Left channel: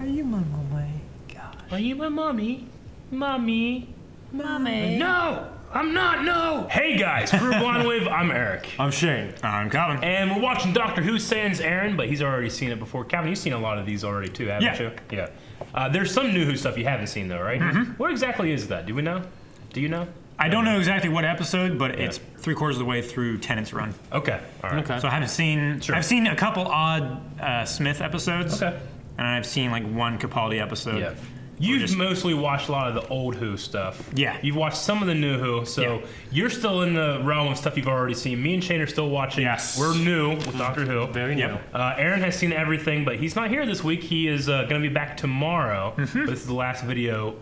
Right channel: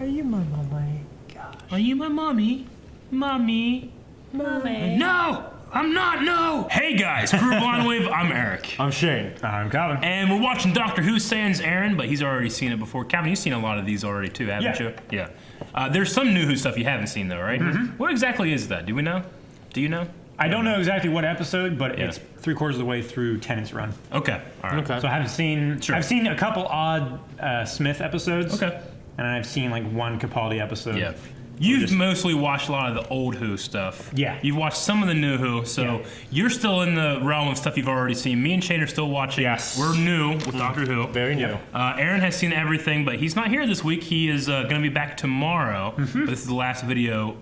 Are you my mommy? Gosh. Are you my mommy? Mommy? Mommy. No! I'm not, no! Hey guys, Crew Blind Wave, I'm Eric. I'm Shane. I'm Calvin. And we're watching Doctor Who, sans Aaron, but he's already seen it before. Calvin, you've seen a lot of these already too, haven't you? Yeah. There's some new Who stuff you haven't seen though, right? Mm-hmm. What exactly is that? Do we know? Do you know? I don't know exactly what episode, but it's 3/4 of the way through Tennant's run. Okay, all right. Okay. So I haven't seen, I've seen a couple odd Smith episodes. Okay. And I've seen like one Capaldi episode. Yeah. You've mostly watched a lot of the old Who stuff. Yeah. You've watched some of the new Who, so you're still in the realm of stuff you've already seen. Me and Shane are still watching. Yes. We're new with Doctor Who. Very new. Aaron has seen everything, but he's not here this week. He is going to be back tomorrow. But this is the last video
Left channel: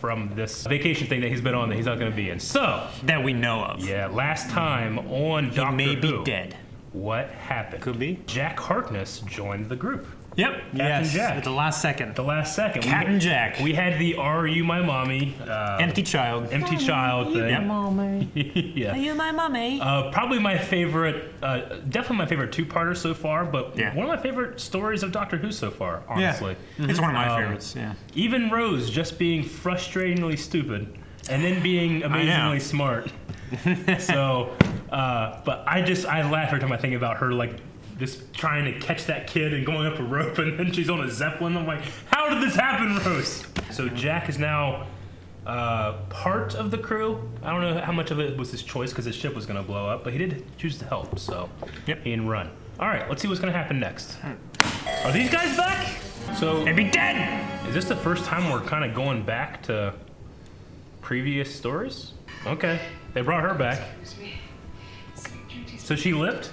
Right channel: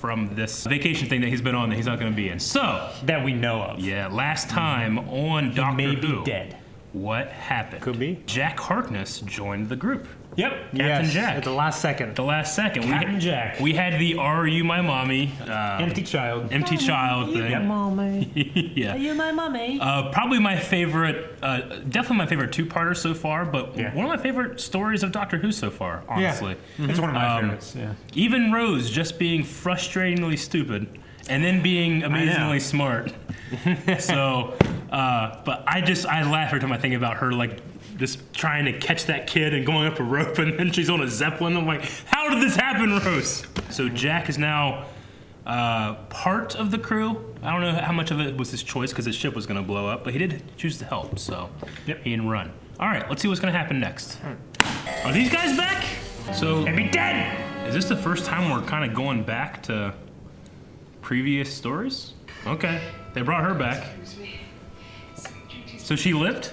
from this vacation thing that he's been on that he's not going to be in. So. That we know of. Yeah, last time on Doctor Who. He may be dead. What happened? Could be. Jack Harkness joined the group. Yep. Yes. Jack. At the last second. The last second. Captain Jack. We had the "Are you my mommy?" Empty child. Empty child thing. Mommy. Yeah. Are you my mummy? Probably my favorite, definitely my favorite two-parter so far, but one of my favorite stories of Doctor Who so far, honestly. It's one of my favorites, Even Rose just being frustratingly stupid and then being amazingly smart. So, but I laugh every time I think about her, like, just trying to catch that kid and going up a rope, and then she's on a Zeppelin. I'm like, how did this happen, Rose? So Jack is now part of the crew. I don't know how much of it was his choice because his ship was going to blow up, but he did choose to help, so he didn't run. All right, let's see what's going to happen next. Are these guys back? So They'd be dead! Is this the first time we're kind of going back to previous stories? Okay, they brought her back. So she lived?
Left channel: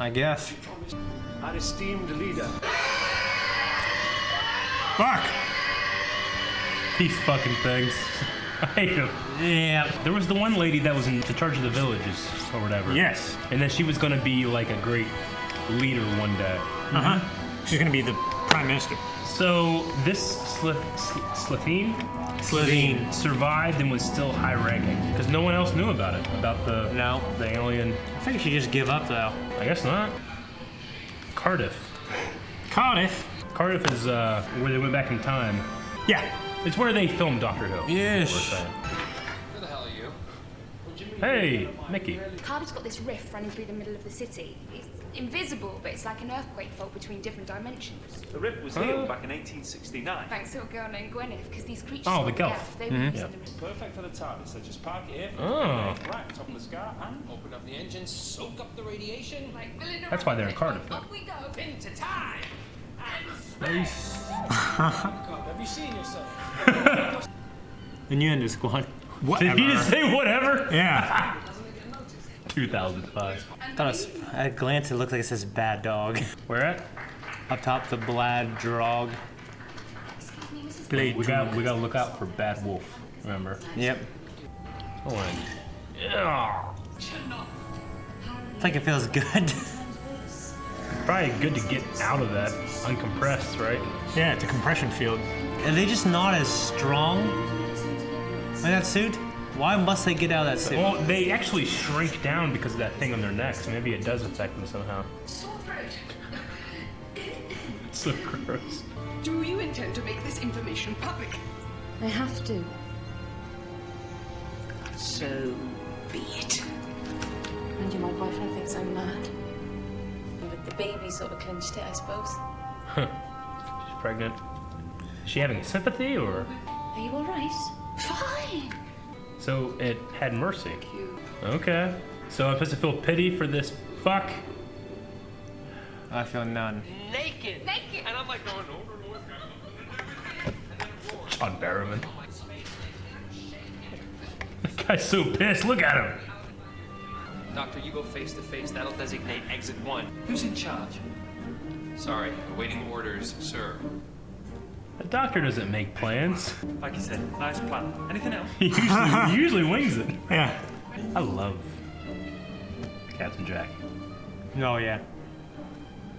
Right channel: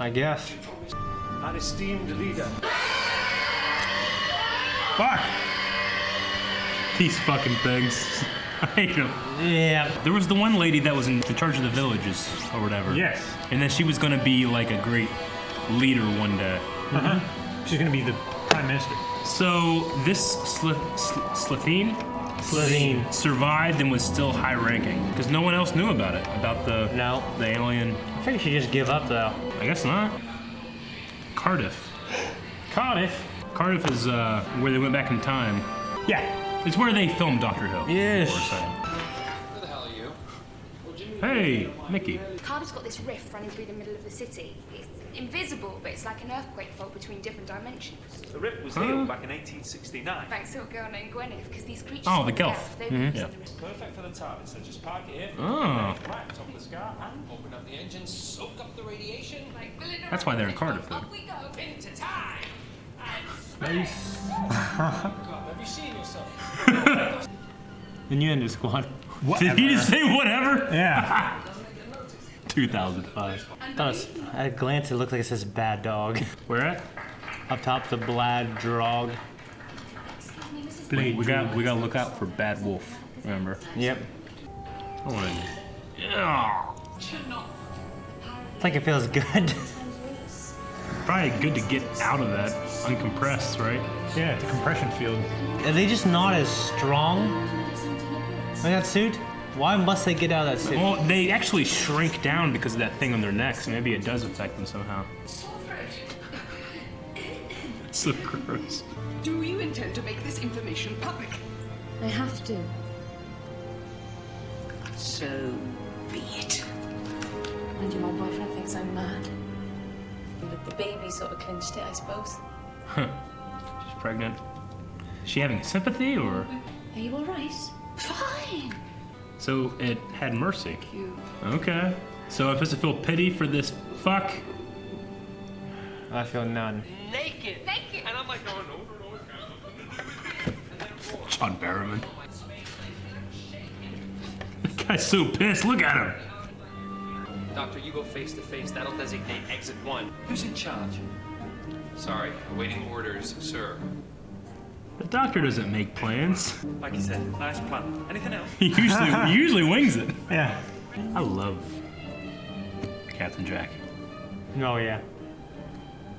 I guess. Our esteemed leader. Fuck! These fucking things. I hate them. Yeah. There was the one lady that was in charge of the villages or whatever. Yes. And then she was gonna be like a great leader one day. She's gonna be the prime minister. So this Slitheen survived and was still high ranking because no one else knew about it, about the alien. I figured she'd just give up though. I guess not. Cardiff is where they went back in time. Yeah. It's where they filmed Doctor Who. Yes. Who the hell are you? Hey, Mickey. Cardiff's got this rift running through the middle of the city. It's invisible, but it's like an earthquake fault between different dimensions. The rift was healed back in 1869. Thanks to a girl named Gwyneth, because these creatures Oh, the called Gelf. Gelf, they were using the rift. Perfect for the TARDIS, so just park it here for Oh. right on top of the scar and Open up the engines, soak up the radiation. Like, filling That's why they're in Cardiff, though. Up we go. Into time. have you seen yourself? Innuendo squad. Did he just say whatever? Yeah. 2005. At a glance, it looked like it says bad dog. Where at? Up top, the Blad Drog. Excuse me, Mrs. We gotta look out for Bad Wolf. Remember? Yep. Yeah. I think it feels good. Probably good to get out of that uncompressed, right? Yeah, it's a compression field. Are they just not as strong in that suit? Why must they get out of that suit? Well, they actually shrink down because of that thing on their necks. Maybe it does affect them somehow. It's so gross. Do you intend to make this information public? I have to. So be it. And my boyfriend thinks I'm mad. But the baby sort of clinched it, I suppose. She's pregnant. Is she having sympathy or? Are you all right? Fine. So it had mercy. Thank you. Okay. So I'm supposed to feel pity for this fuck? I feel none. Naked. Naked. And I'm like going, no, it's got nothing to do with it. And then it roars. John Barrowman. This guy's so pissed. Look at him. Doctor, you go face to face. That'll designate exit 1. Who's in charge? Sorry, awaiting orders, sir. The doctor doesn't make plans. Like you said, nice plan. Anything else? He usually wings it. Yeah. I love Captain Jack. Oh, yeah.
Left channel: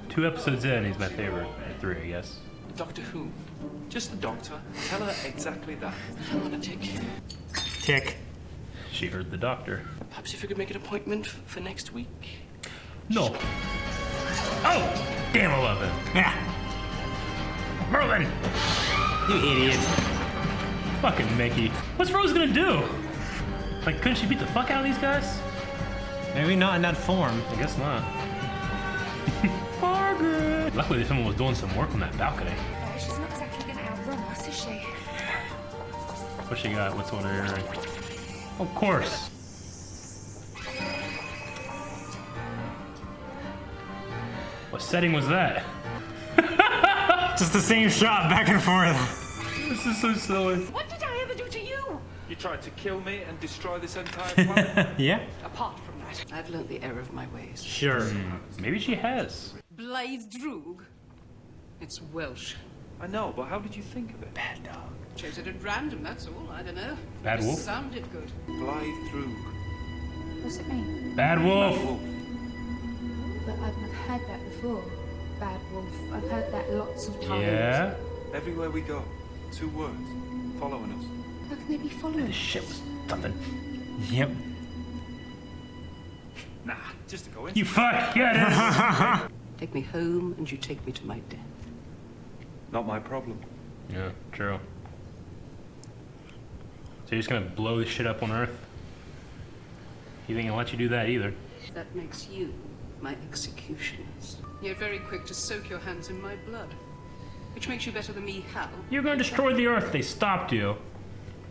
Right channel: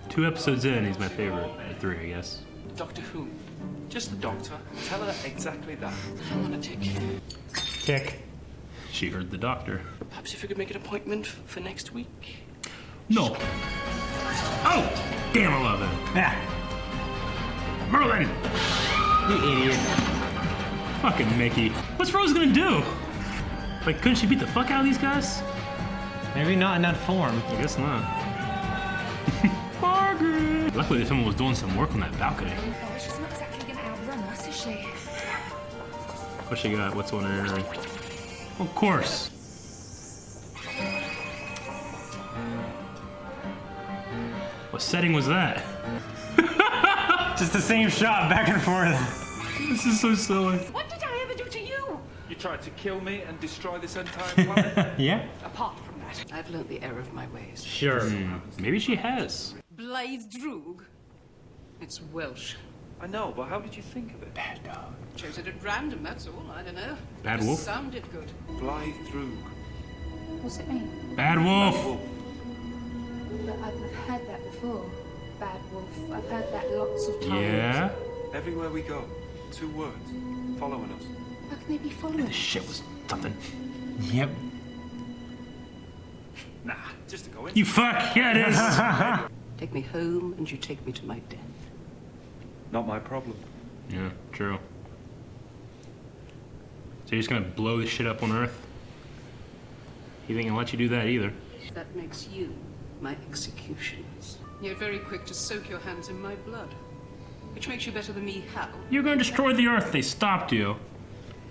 2 episodes in, he's my favorite. 3, I guess. Doctor Who. Just the doctor. Tell her exactly that. I'm on a tick. Tick. She heard the doctor. Perhaps if we could make an appointment for next week. No. Oh! Damn, I love him. Yeah. Merlin! You idiot. Fucking Mickey. What's Rose gonna do? Like, couldn't she beat the fuck out of these guys? Maybe not in that form. I guess not. Margaret! Luckily, someone was doing some work on that balcony. Oh, she's not exactly gonna outrun us, is she? What she got? What's on her earring? Of course. What setting was that? Just the same shot back and forth. This is so silly. What did I ever do to you? You tried to kill me and destroy this entire planet. Yeah? Apart from that, I've learnt the error of my ways. Sure. Maybe she has. Blythe Droog. It's Welsh. I know, but how did you think of it? Chose it at random, that's all. I don't know. Bad Just wolf? sounded good. Blythe Droog. What's it mean? Bad wolf. Wolf. But I've heard that before. Bad wolf. I've heard that lots of times. Yeah. Everywhere we go, 2 words, following us. How can they be following This shit was something. Yep. Nah, just to go in. You fuck. Yeah, it is. Take me home and you take me to my death. Not my problem. Yeah, true. So you're just gonna blow this shit up on Earth? You think I'll let you do that either? That makes you my executioners. You're very quick to soak your hands in my blood. Which makes you better than me, how? You're gonna destroy the Earth. They stopped you.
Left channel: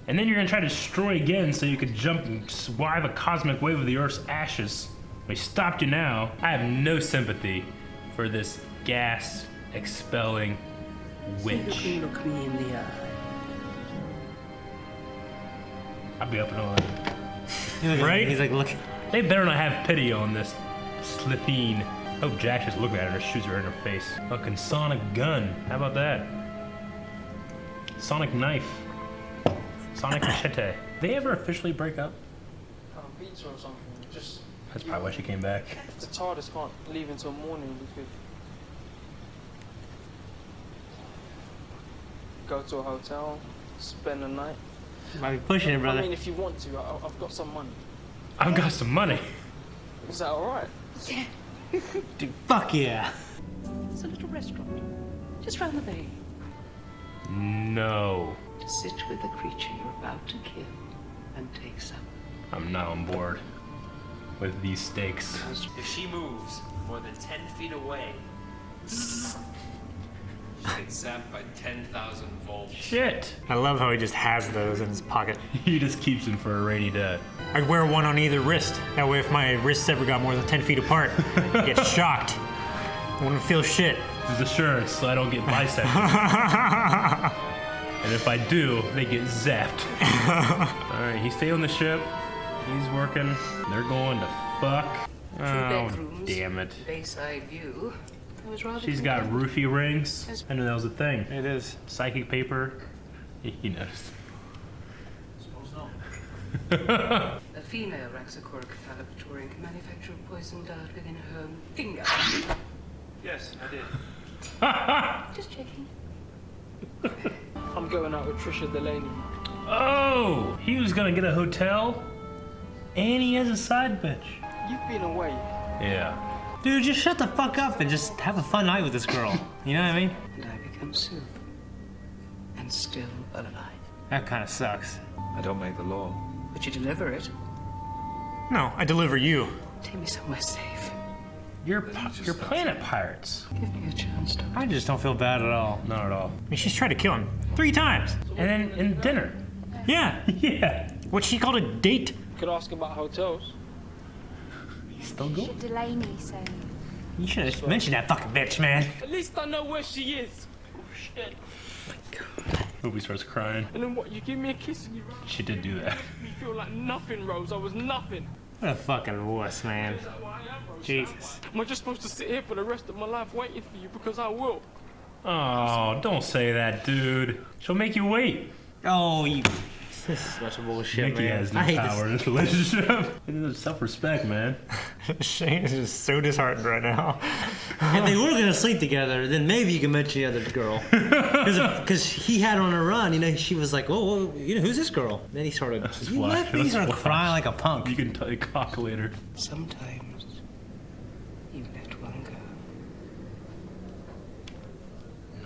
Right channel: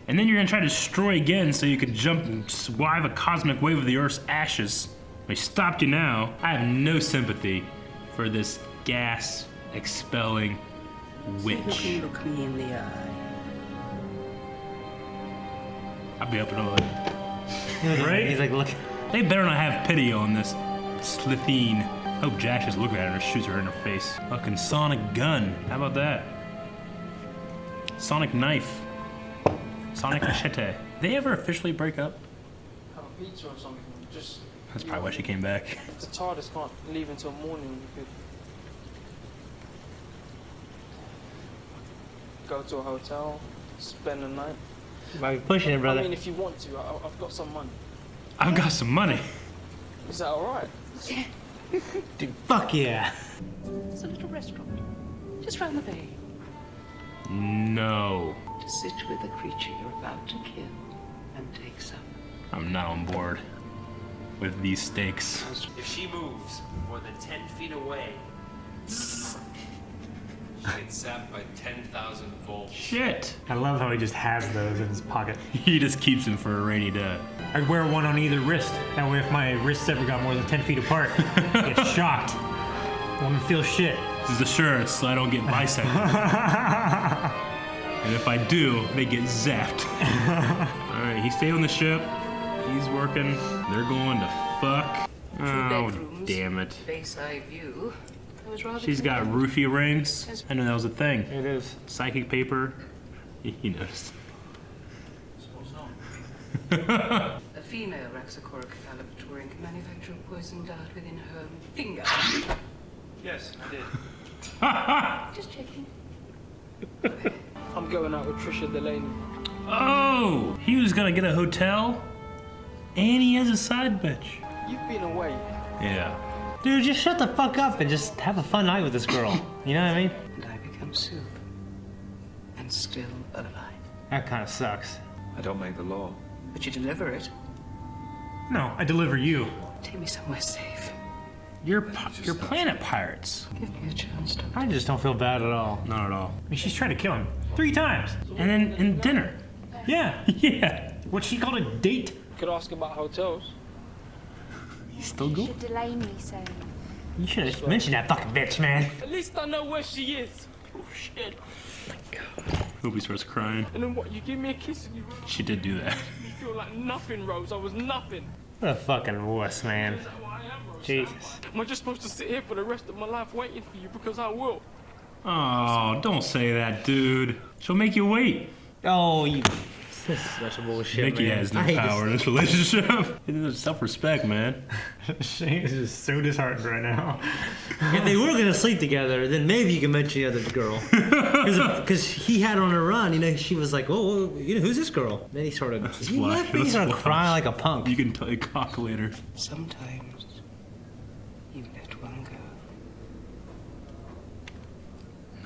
And then you're gonna try to destroy again so you could jump and survive a cosmic wave of the Earth's ashes. They stopped you now. I have no sympathy for this gas expelling See who witch. can look me in the eye. I'll be up in a Right? He's like, look. They better not have pity on this Slitheen. Oh, Jack just looking at her and shoots her in her face. Fucking sonic gun. How about that? Sonic knife. Sonic machete. They ever officially break up? Have a pizza or something. Just That's probably why she came back. the TARDIS can't leave until morning. We could go to a hotel, spend the night. Might be pushing it, brother. I mean, if you want to, I've got some money. I've got some money. Is that all right? Dude, fuck yeah. It's a little restaurant. Just round the bay. No. To sit with the creature you're about to kill and take supper. I'm not on board with these stakes. If she moves more than 10 feet away, she gets zapped by 10,000 volts. Shit. I love how he just has those in his pocket. He just keeps them for a rainy day. I'd wear one on either wrist. That way, if my wrists ever got more than 10 feet apart, I get shocked. I wouldn't feel shit. This is assurance so I don't get bisected. And if I do, they get zapped. Alright, he stayed on the ship. He's working. They're going to fuck. 2 Oh, bedrooms. damn it. Bayside view. I was rather She's got content. roofie rings. I knew that was a thing. It is. Psychic paper. He knows. Suppose not. A female Raxacoricophalopatorian can manufacture a poison dart within her own finger. Yes, I did. Just checking. I'm going out with Trisha Delaney. Oh! He was gonna get a hotel, and he has a side bitch. You've been away. Yeah. Dude, just shut the fuck up and just have a fun night with this girl. You know what I mean? And I become soup. And still alive. That kind of sucks. I don't make the law. But you deliver it. No, I deliver you. Take me somewhere safe. You're planet pirates. Give me a chance, Doctor. I just don't feel bad at all. Not at all. I mean, she's tried to kill him 3 times. And then in dinner. Yeah. Yeah. What she called a date. Could ask about hotels. He's still going. Should Delaney say? You should have mentioned that fucking bitch, man. At least I know where she is. Hope he starts crying. And then what? You give me a kiss and you She did do that. make me feel like nothing, Rose. I was nothing. What a fucking wuss, man. Is that what I am, Rose? Jesus. Am I just supposed to sit here for the rest of my life waiting for you? Because I will. Oh, don't say that, dude. She'll make you wait. Oh, you. That's a bullshit, Mickey man. has no I hate power in this relationship. It's self-respect, man. Shane is just so disheartened right now. If they were gonna sleep together, then maybe you can mention the other girl. Because he had on a run, you know, she was like, oh, you know, who's this girl? Then he started, he why- left me, he that's started why. crying like a punk. You can tell you cock later. Sometimes you let one go.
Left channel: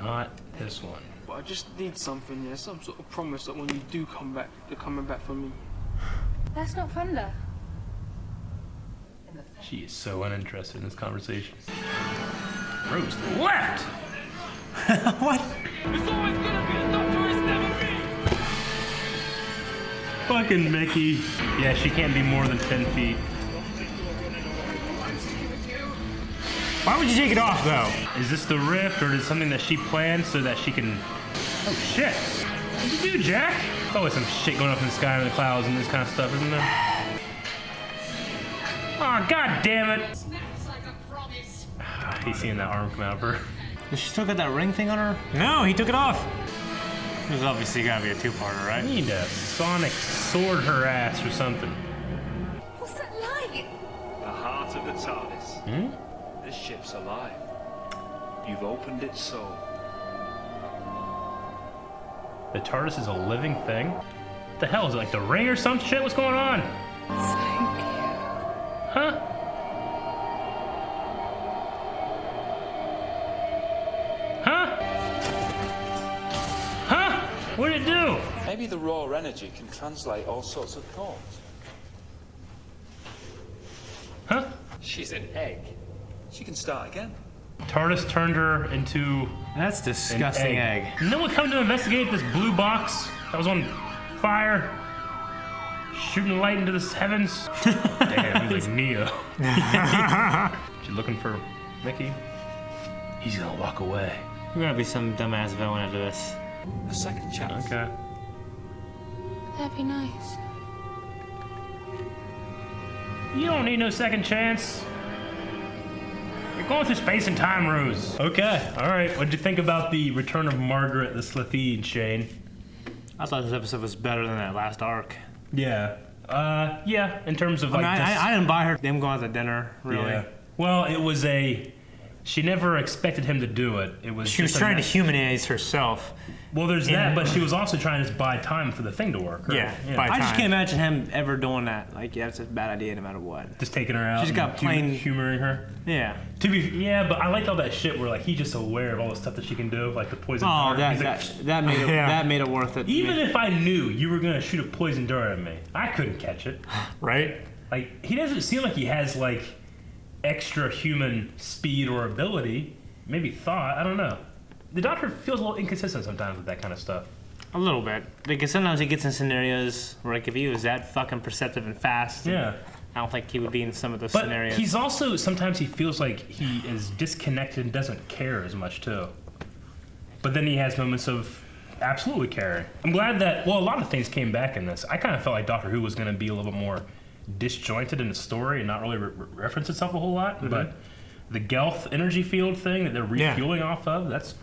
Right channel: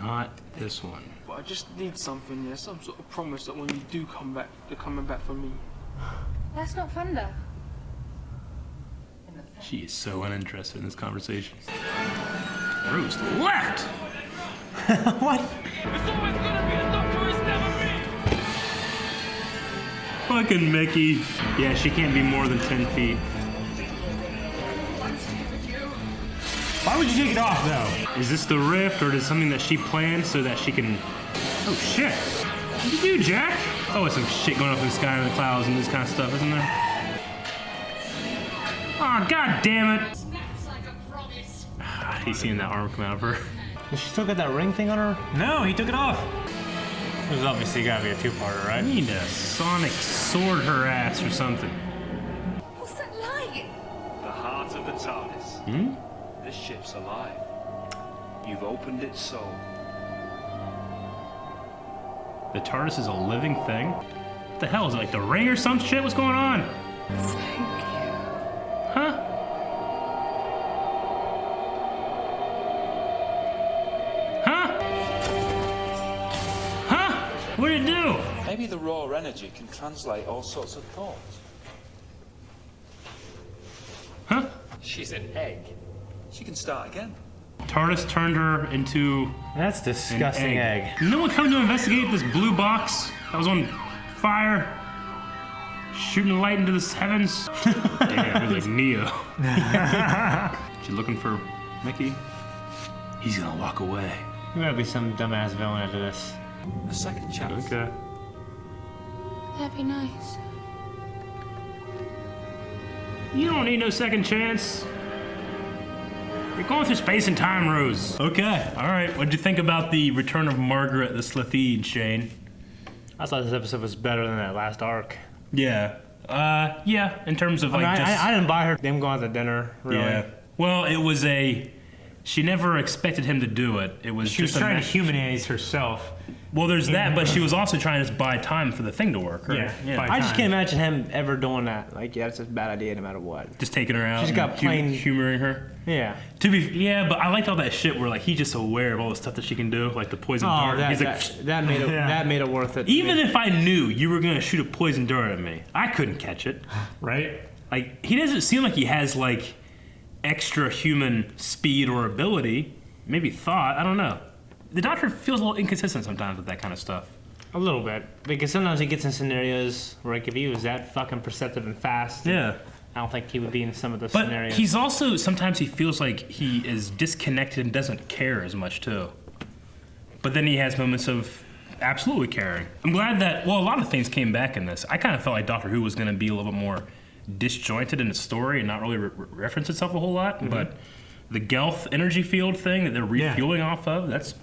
Not this one. But I just need something, yeah, some sort of promise that when you do come back, you're coming back for me. That's not thunder. She is so uninterested in this conversation. Rose left! What? It's always gonna be the Doctor, it's never me! Fucking Mickey. Yeah, she can't be more than 10 feet. Why would you take it off, though? Is this the rift, or is it something that she planned so that she can... Oh, shit. What did you do, Jack? There's always some shit going up in the sky and the clouds and this kind of stuff, isn't there? Oh, god damn it! He's seeing that arm come out of her. Does she still got that ring thing on her? No, he took it off. There's obviously gotta be a two-parter, right? I need to sonic sword her ass or something. What's that light? The heart of the TARDIS. Hmm? This ship's alive. You've opened its soul. The TARDIS is a living thing? What the hell? Is it like the ring or some shit? What's going on? Thank you. Huh? Huh? Huh? What did it do? Maybe the raw energy can translate all sorts of thoughts. Huh? She's an egg. She can start again. TARDIS turned her into That's an disgusting egg. And then we come to investigate this blue box that was on fire, shooting light into the heavens. Damn, he's like Neo. She's looking for Mickey. He's gonna walk away. There's gotta be some dumbass villain into this. A second chance. Okay. That'd be nice. You don't need no second chance. You're going through space and time, Rose. Okay, alright. What'd you think about the return of Margaret the Slitheen, Shane? I thought this episode was better than that last arc. Yeah. Yeah, in terms of I like mean, just... I didn't buy her them going out to dinner, really. Yeah. Well, it was a... She never expected him to do it. It was She was just a trying to ma- humanize herself. Well, there's that, but she was also trying to just buy time for the thing to work. Right? Yeah, buy I just time. can't imagine him ever doing that. Like, yeah, it's a bad idea no matter what. Just taking her out. She's and got plain- humoring her. Yeah. Yeah, but I liked all that shit where like he's just aware of all the stuff that she can do, like the poison Oh, dart. He's that made it Yeah. that made it worth it. even if I knew you were gonna shoot a poison dart at me, I couldn't catch it. Right? Like he doesn't seem like he has like extra human speed or ability. Maybe thought. I don't know. The Doctor feels a little inconsistent sometimes with that kind of stuff. A little bit, because sometimes he gets in scenarios where like if he was that fucking perceptive and fast, Yeah. I don't think he would be in some of those But scenarios. he's also sometimes he feels like he is disconnected and doesn't care as much too. But then he has moments of absolutely caring. I'm glad that a lot of things came back in this. I kind of felt like Doctor Who was going to be a little bit more disjointed in the story and not really reference itself a whole lot. But the Gelth energy field thing that they're refueling off of, that's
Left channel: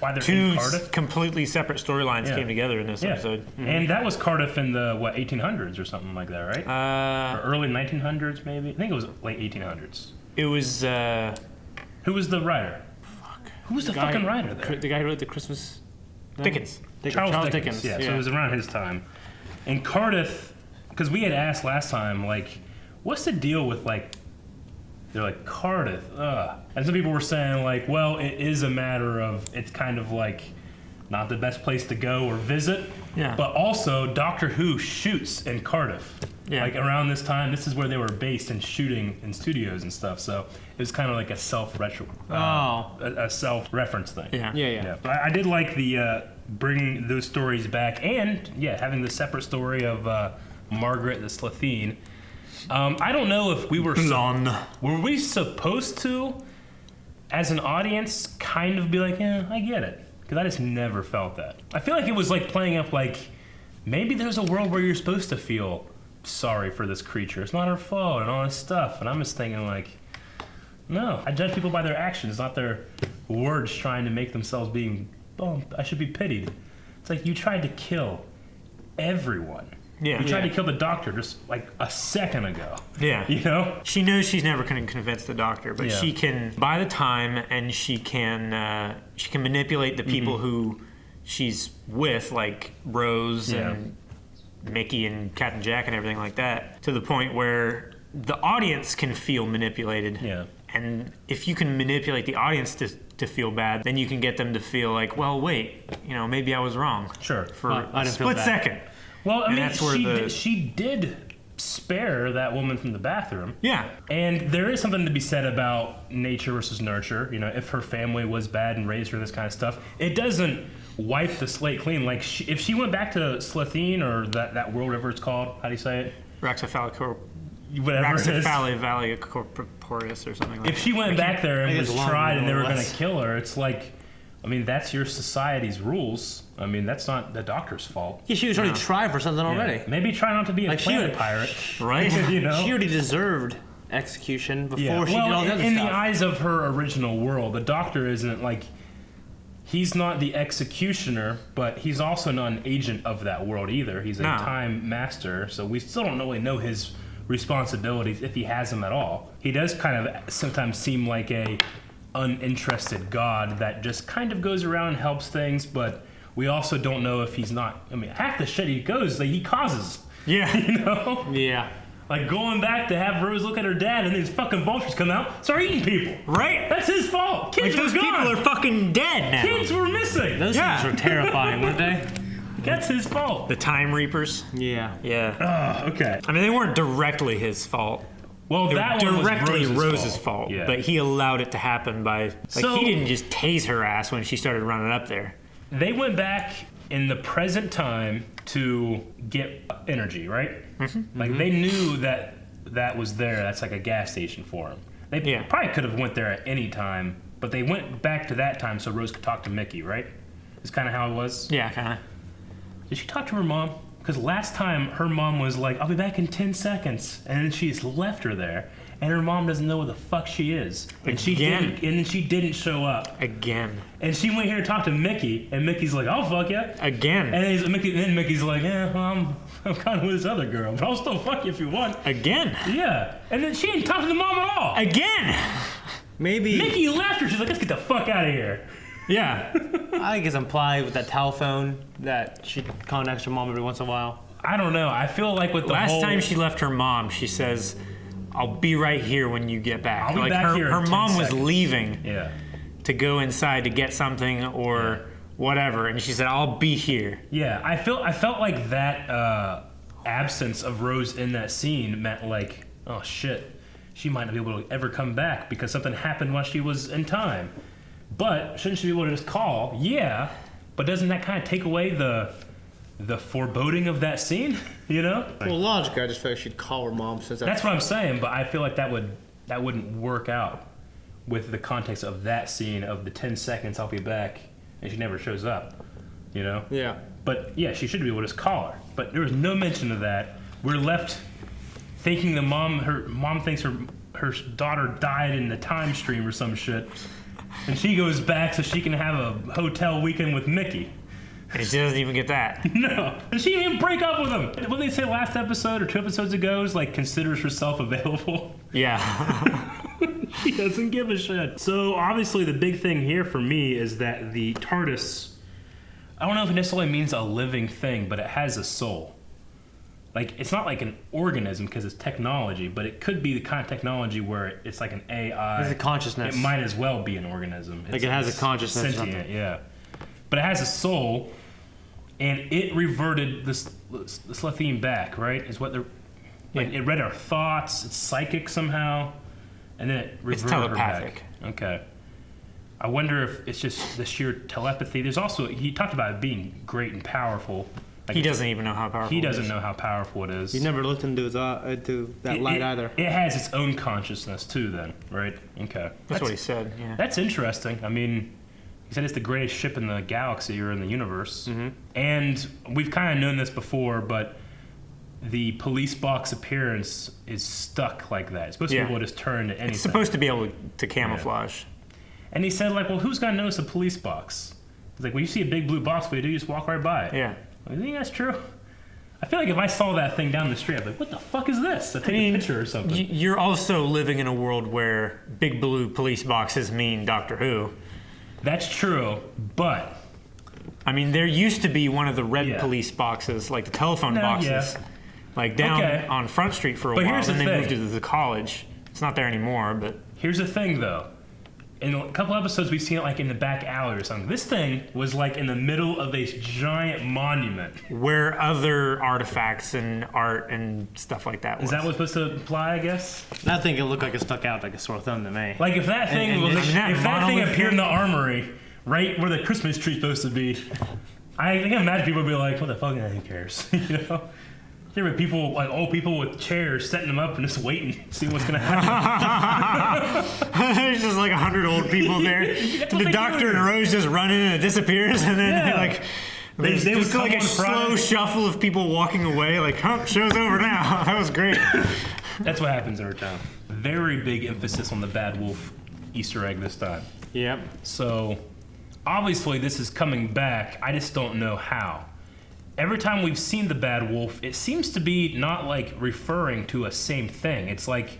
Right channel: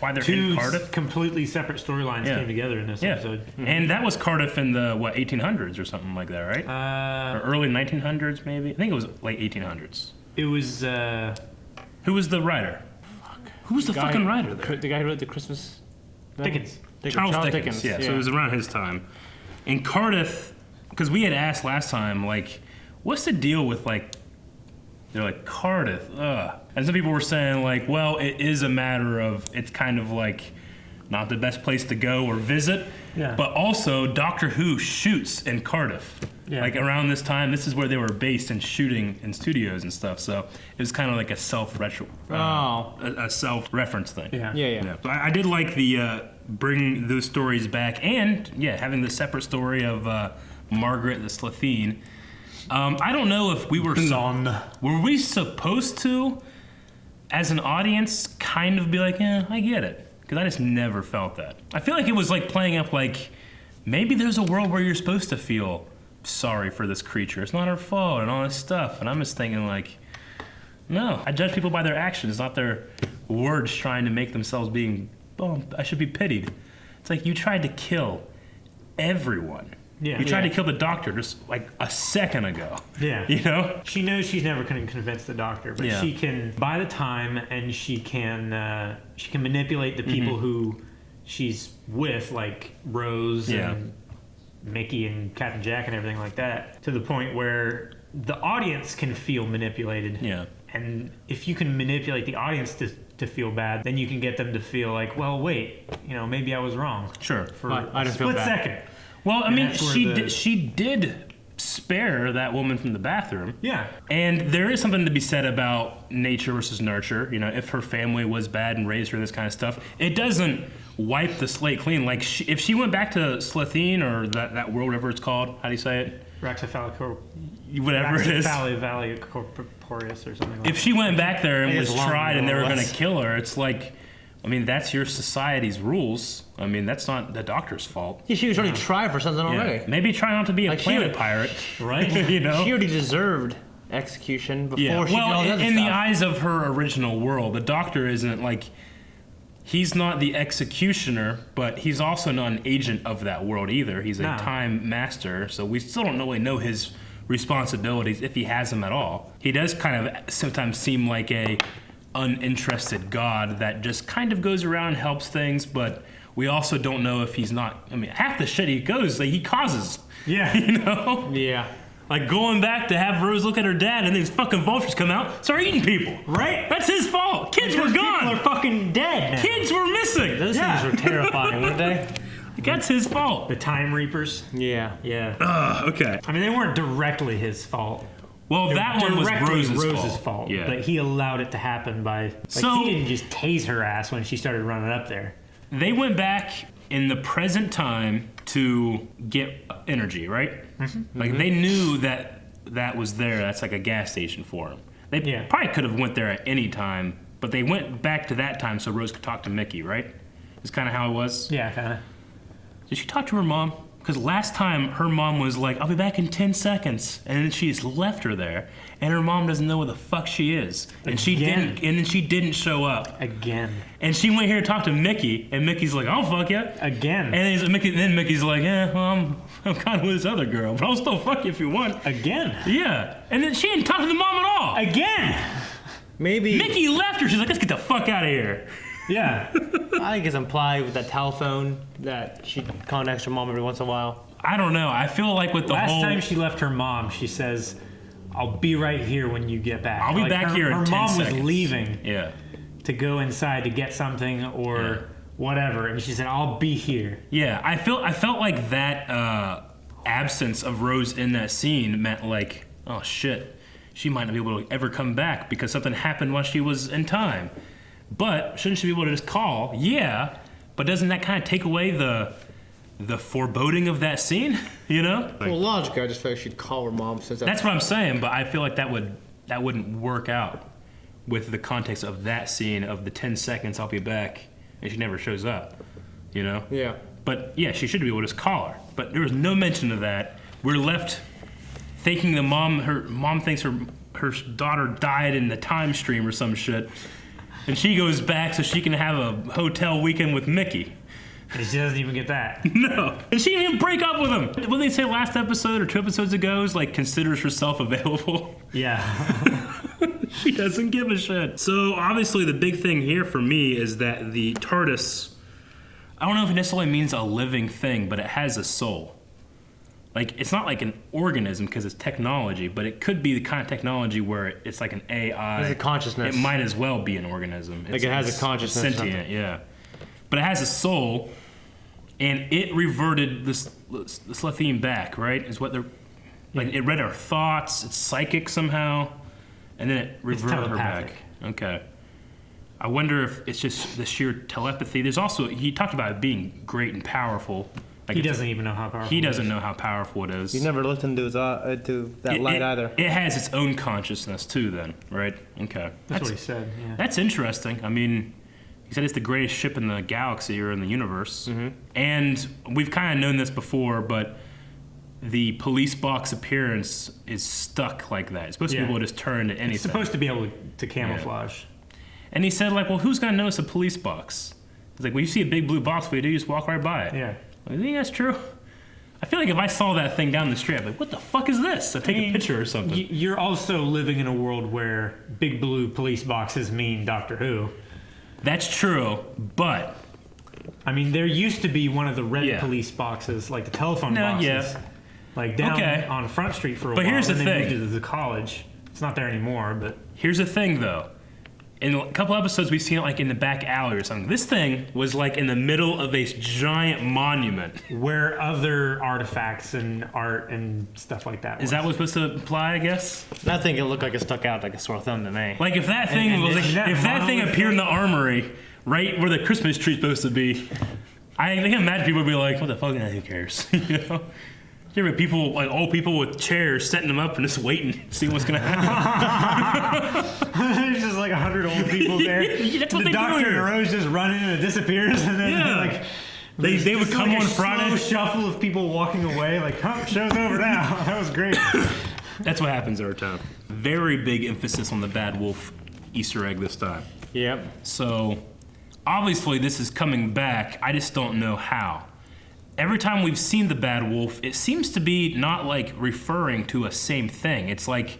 why they're Two in Cardiff. completely separate storylines Yeah. came together in this Yeah, episode. and that was Cardiff in the 1800s or something like that, right? Or early 1900s, maybe. I think it was late 1800s. It was Who was the writer? Who was the fucking writer there? The guy who wrote the Christmas thing? Dickens. Charles Dickens. Yeah, so it was around his time. And Cardiff, because we had asked last time, like, what's the deal with like? They're like Cardiff, ugh. And some people were saying like, well, it is a matter of it's kind of like not the best place to go or visit. Yeah. But also, Doctor Who shoots in Cardiff. Yeah. Like around this time, this is where they were based and shooting in studios and stuff. So it was kind of like a a self-reference thing. Yeah. Yeah. So I did like the bring those stories back, and having the separate story of Margaret the Slitheen. I don't know if we were were we supposed to, as an audience, kind of be like, I get it, because I just never felt that. I feel like it was like playing up like maybe there's a world where you're supposed to feel sorry for this creature. It's not her fault and all this stuff, and I'm just thinking like, no, I judge people by their actions, not their words trying to make themselves being, I should be pitied. It's like you tried to kill everyone. Yeah. You tried to kill the Doctor just like a second ago. Yeah. You know? She knows she's never going to convince the Doctor, but Yeah. she can buy the time, and she can manipulate the people who she's with, like Rose and Mickey and Captain Jack and everything like that, to the point where the audience can feel manipulated. Yeah. And if you can manipulate the audience to to feel bad, then you can get them to feel like, well, wait, maybe I was wrong. Sure. For I a didn't feel split bad. second. Well, I mean, she did spare that woman from the bathroom. Yeah. And there is something to be said about nature versus nurture. If her family was bad and raised her this kind of stuff, it doesn't wipe the slate clean. Like, if she went back to Slitheen or that world, whatever it's called, how do you say it? Whatever it is. Valley Corporeus or something like that. If she went back there and was tried and they were going to less. kill her, it's like, I mean, that's your society's rules. I mean, that's not the doctor's fault. Yeah, she was already tried for something already. Maybe try not to be a Like, planet pirate, right? She already deserved execution before she did all the other in stuff. the eyes of her original world, the doctor isn't like, he's not the executioner, but he's also not an agent of that world either. He's a time master, so we still don't really know his responsibilities if he has them at all. He does kind of sometimes seem like a uninterested god that just kind of goes around and helps things, but we also don't know if he's not. I mean, half the shit he goes, like, he causes. Yeah. Yeah. Like going back to have Rose look at her dad and these fucking vultures come out, start eating people. Right? That's his fault. Kids Like, were those gone. people are fucking dead now. Kids were missing. Those things were terrifying, weren't they? That's his fault. The Time Reapers. Yeah. Yeah. Okay. I mean, they weren't directly his fault. Well, They that were one was directly Rose's fault. Yeah. But he allowed it to happen by... So- he didn't just tase her ass when she started running up there. They went back in the present time to get energy, right? Mm-hmm. Like, they knew that was there. That's like a gas station for them. They probably could have went there at any time, but they went back to that time so Rose could talk to Mickey, right? Is kind of how it was. Yeah, kind of. Did she talk to her mom? Because last time her mom was like, I'll be back in 10 seconds. And then she just left her there. And her mom doesn't know where the fuck she is. And then she didn't show up. Again. And she went here to talk to Mickey. And Mickey's like, I'll fuck you. Again. And then Mickey's like, I'm kind of with this other girl. But I'll still fuck you if you want. Again. Yeah. And then she didn't talk to the mom at all. Again. Maybe. Mickey left her. She's like, let's get the fuck out of here. Yeah. I think it's implied with that telephone that she contacts her mom every once in a while. I don't know. I feel like with the Last time she left her mom, she says, I'll be right here when you get back. I'll be back here in Her 10 mom was seconds. leaving to go inside to get something or whatever, and she said, I'll be here. Yeah, I felt like that absence of Rose in that scene meant like, oh shit, she might not be able to ever come back because something happened while she was in time. But shouldn't she be able to just call? Yeah, but doesn't that kind of take away the foreboding of that scene? You know? Well, logically, I just feel like she'd call her mom since That's what I'm saying, but I feel like that wouldn't work out with the context of that scene of the 10 seconds I'll be back and she never shows up. You know? Yeah. But yeah, she should be able to just call her. But there was no mention of that. We're left thinking her mom thinks her daughter died in the time stream or some shit. And she goes back so she can have a hotel weekend with Mickey. And she doesn't even get that. No. And she didn't even break up with him. What did they say last episode or 2 episodes ago? Is like considers herself available. Yeah. She doesn't give a shit. So obviously the big thing here for me is that the TARDIS, I don't know if it necessarily means a living thing, but it has a soul. Like, it's not like an organism because it's technology, but it could be the kind of technology where it's like an AI. It's a consciousness. It might as well be an organism. Like it has a consciousness or Sentient, something. yeah. But it has a soul, and it reverted the Slitheen back, right? Is what they're... Like, it read our thoughts, it's psychic somehow, and then it reverted her telepathic. back. Okay. I wonder if it's just the sheer telepathy. There's also... He talked about it being great and powerful. Like, He doesn't even know how powerful He it doesn't is. know how powerful it is. You never looked into that light either. It has its own consciousness too, then, right? Okay. That's what he said, yeah. That's interesting. I mean, he said it's the greatest ship in the galaxy or in the universe. Mm-hmm. And we've kind of known this before, but the police box appearance is stuck like that. It's supposed to be able to just turn to anything. It's supposed to be able to camouflage. And he said, like, well, who's going to notice a police box? He's like, when you see a big blue box, what do? You just walk right by it. Yeah. I think that's true. I feel like if I saw that thing down the street, I'd be like, what the fuck is this? I'd take a picture or something. You're also living in a world where big blue police boxes mean Doctor Who. That's true, but... I mean, there used to be one of the red police boxes, like the telephone boxes. Like down on Front Street for a while. Here's and the they thing. moved it to the college. It's not there anymore, but... Here's the thing, though. in a couple episodes we've seen it like in the back alley or something. This thing was like in the middle of a giant monument. Where other artifacts and art and stuff like that was. Is that what's supposed to imply, I guess? I think it looked like it stuck out like a sore thumb to me. Like if that thing if that thing appeared in the armory, right where the Christmas tree's supposed to be, I can imagine people would be like, what the fuck, who cares? You know? You remember people, like old people with chairs, setting them up and just waiting to see what's going to happen. There's just like 100 old people there. The Doctor and Rose just run in and it disappears, and then they would come like on Friday. Slow shuffle of people walking away, like, show's over now. That was great. That's what happens every time. Very big emphasis on the Bad Wolf Easter egg this time. Yep. So, obviously this is coming back. I just don't know how. Every time we've seen the Bad Wolf, it seems to be not like referring to a same thing. It's like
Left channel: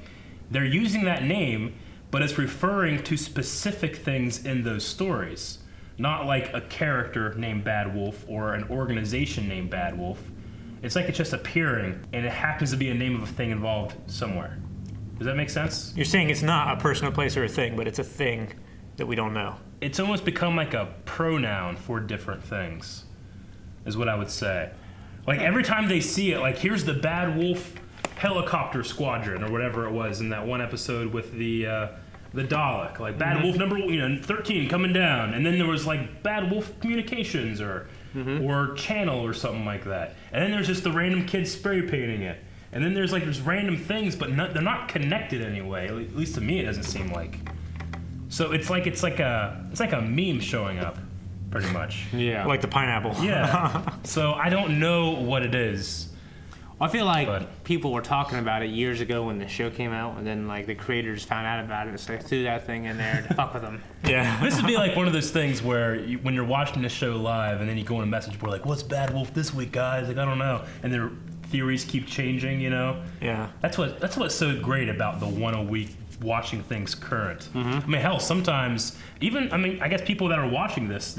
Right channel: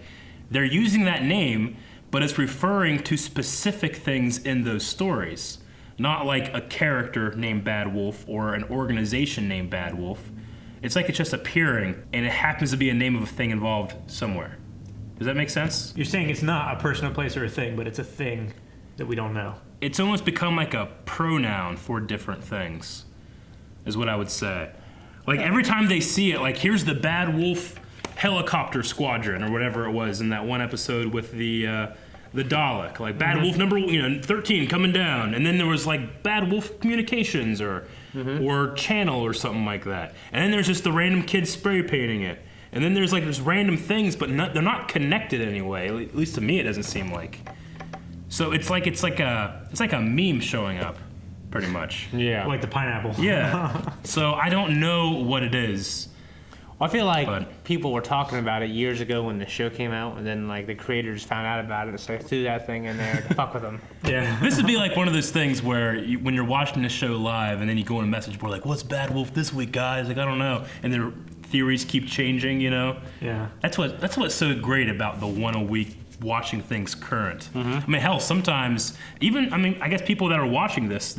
they're using that name, but it's referring to specific things in those stories. Not like a character named Bad Wolf or an organization named Bad Wolf. It's like it's just appearing, and it happens to be a name of a thing involved somewhere. Does that make sense? You're saying it's not a person, a place, or a thing, but it's a thing that we don't know. It's almost become like a pronoun for different things, is what I would say. Like every time they see it, like here's the Bad Wolf helicopter squadron or whatever it was in that one episode with the Dalek, like Bad Wolf number 13 coming down, and then there was like Bad Wolf Communications or Channel or something like that, and then there's just the random kids spray painting it, and then there's random things, but they're not connected anyway. At least to me, it doesn't seem like. So it's like a meme showing up. Pretty much. Yeah. Like the pineapple. Yeah. So I don't know what it is. I feel like people were talking about it years ago when the show came out, and then like the creators found out about it, so they threw that thing in there to fuck with them. Yeah. This would be like one of those things where when you're watching the show live, and then you go on a message board like, "What's Bad Wolf this week, guys?" Like I don't know, and their theories keep changing. You know. Yeah. That's what's so great about the one a week watching things current. I mean, hell, sometimes I guess people that are watching this,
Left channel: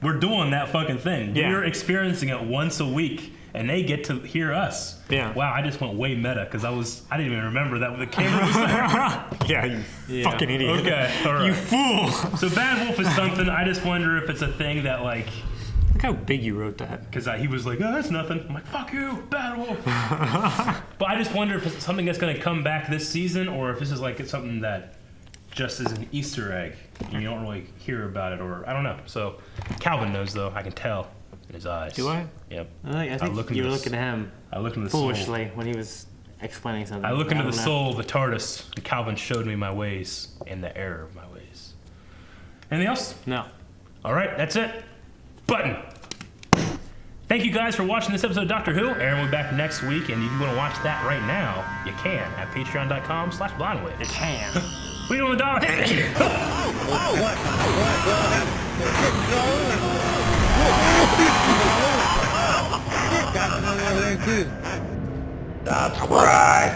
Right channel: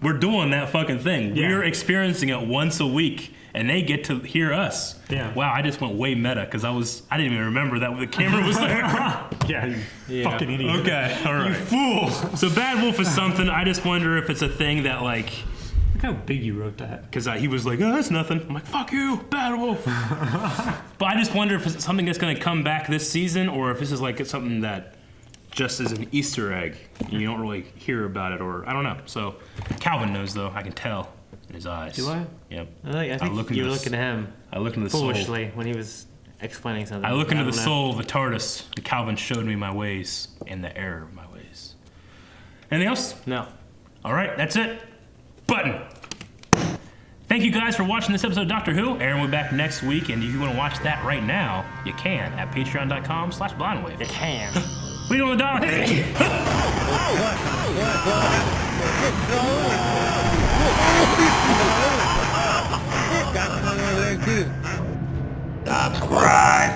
we're doing that fucking thing. Yeah. We're experiencing it once a week, and they get to hear us. Yeah. Wow, I just went way meta because I didn't even remember that the camera was there. Yeah, you fucking idiot. Okay, all right. You fool. So Bad Wolf is something. I just wonder if it's a thing that like. Look how big you wrote that. Because he was like, "Oh, that's nothing." I'm like, "Fuck you, Bad Wolf." But I just wonder if it's something that's going to come back this season, or if this is like something that just is an Easter egg and you don't really hear about it, or I don't know. So Calvin knows though. I can tell in his eyes. Do I? Yep. I think you were looking at him. I looked into the foolishly when he was explaining something. I looked into the soul of the TARDIS, and Calvin showed me my ways and the error of my ways. Anything else? No. All right, that's it. Button. Thank you guys for watching this episode of Doctor Who. Aaron will be back next week, and if you want to watch that right now, you can at patreon.com/blindwave. You can. What are you doing, Doc? Subscribe.